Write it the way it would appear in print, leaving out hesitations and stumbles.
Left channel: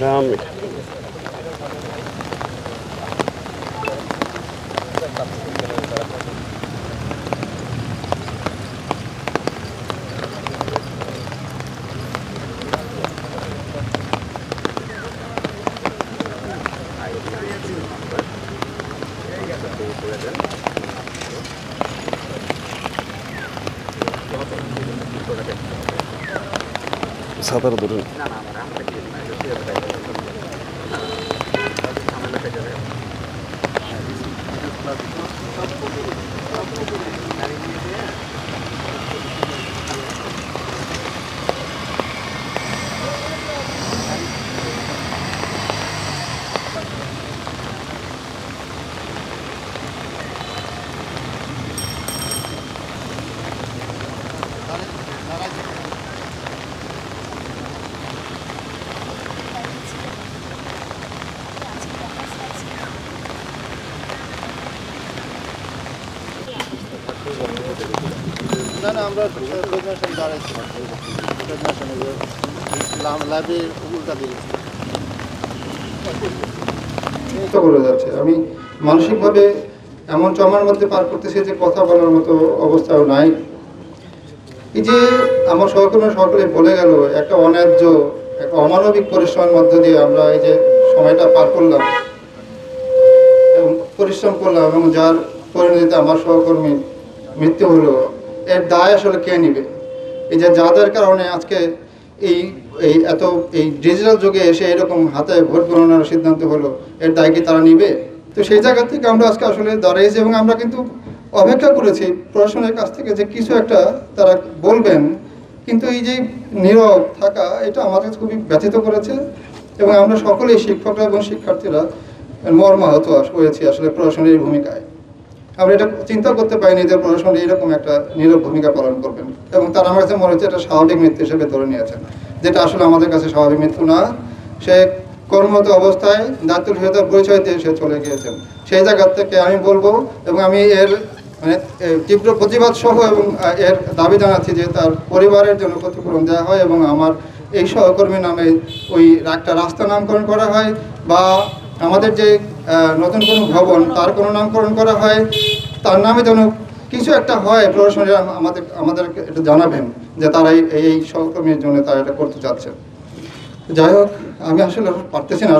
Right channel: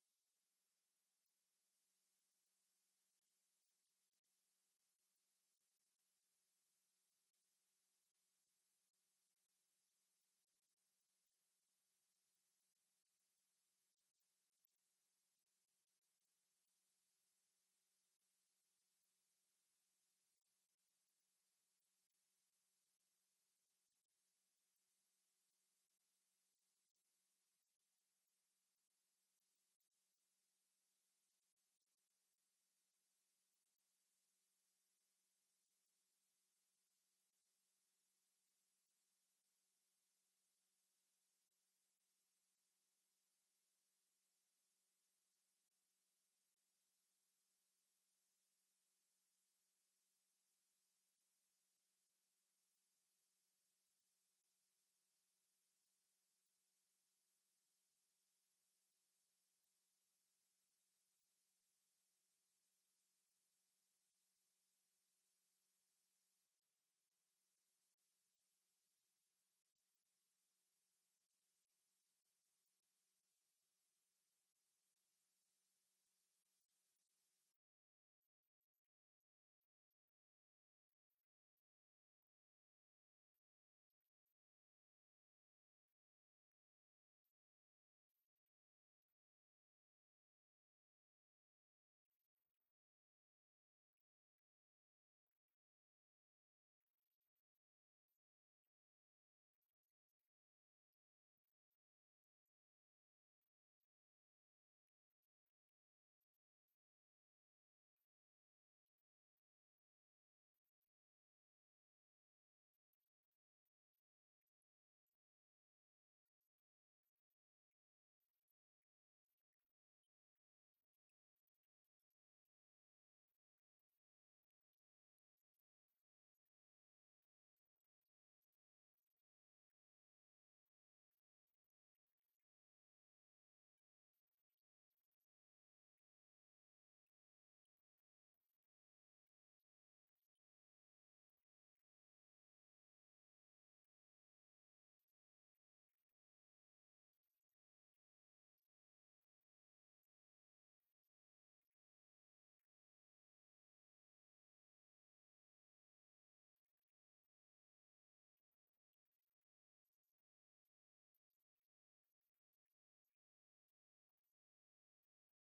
Rame. সাঁতার ধরুন আমরা যাচ্ছে আমি মানসিকভাবে এমন চমার মধ্যে পার করতেছি যে কথা বলার মতো অবস্থাও নাই। এই যে আমার সহকর্মী সকলে বলে গেল একটা অন্যায্য একটা অমানবিক পরিশ্রমের মধ্য দিয়ে আমরা এই যে সময়টা পার করলাম এবং পরিশ্রম করলাম এবং যার পরিণতিতে আমার সহকর্মী মৃত্যু হলো, এর দায় আসলে কে নিবে? এই যে যাদের কারণে আজকে এই এত এই ডিজিটাল যুগে এসে এরকম হাতে ভোট গণনার সিদ্ধান্ত হলো, এর দায় কি তারা নিবে? তো সেই জায়গা থেকে আমরা আজকে আসলে দাঁড়িয়েছি এবং আমরা কিন্তু অপেক্ষা করেছি প্রশাসনের কাছ থেকে যে কিছু একটা তারা বলবেন, কিন্তু এই যে নীরব থাকা এটা আমাদের খুবই ব্যথিত করেছে এবং আমরা সকলেই শিক্ষকরা এবং শিক্ষার্থীরা মর্মাহত হয়েছি আসলে প্রশাসনের ভূমিকায়। আমরা এটা চিন্তা করতে পারিনি যে প্রশাসন এইরকম একটা নীরব ভূমিকা পালন করবেন এবং তারা আমার কাছে মনে হচ্ছে এটা স্বাভাবিক মৃত্যু হিসেবে ধরে নিয়েছেন, যেটা আসলে আমাদের কাছে স্বাভাবিক মৃত্যু না। সে কর্মরত অবস্থায় দায়িত্বশীলতার পরিচয় দিয়ে সে চলে গিয়েছেন। সেই জায়গা থেকে আমি বলবো এবং আমি এর তীব্র প্রতিবাদ সহ এবং এর দাবি জানাচ্ছি যে তার পরিবারের জন্য ক্ষতিপূরণ দেওয়া হয় এবং আমার এই সহকর্মী নামে ওই একটা রাস্তা নামকরণ করা হয় বা আমাদের যে নতুন কোনো ভবন তার কোনো নামকরণ করা হয়, তার নামে যেন কিছু একটা হয়। প্রশাসনের আমাদেরকে এটা জানাবেন যে তারা এই সহকর্মীর জন্য তারা এটা করতে চাচ্ছেন। যাই হোক, আমি আসলে পারতেছি না।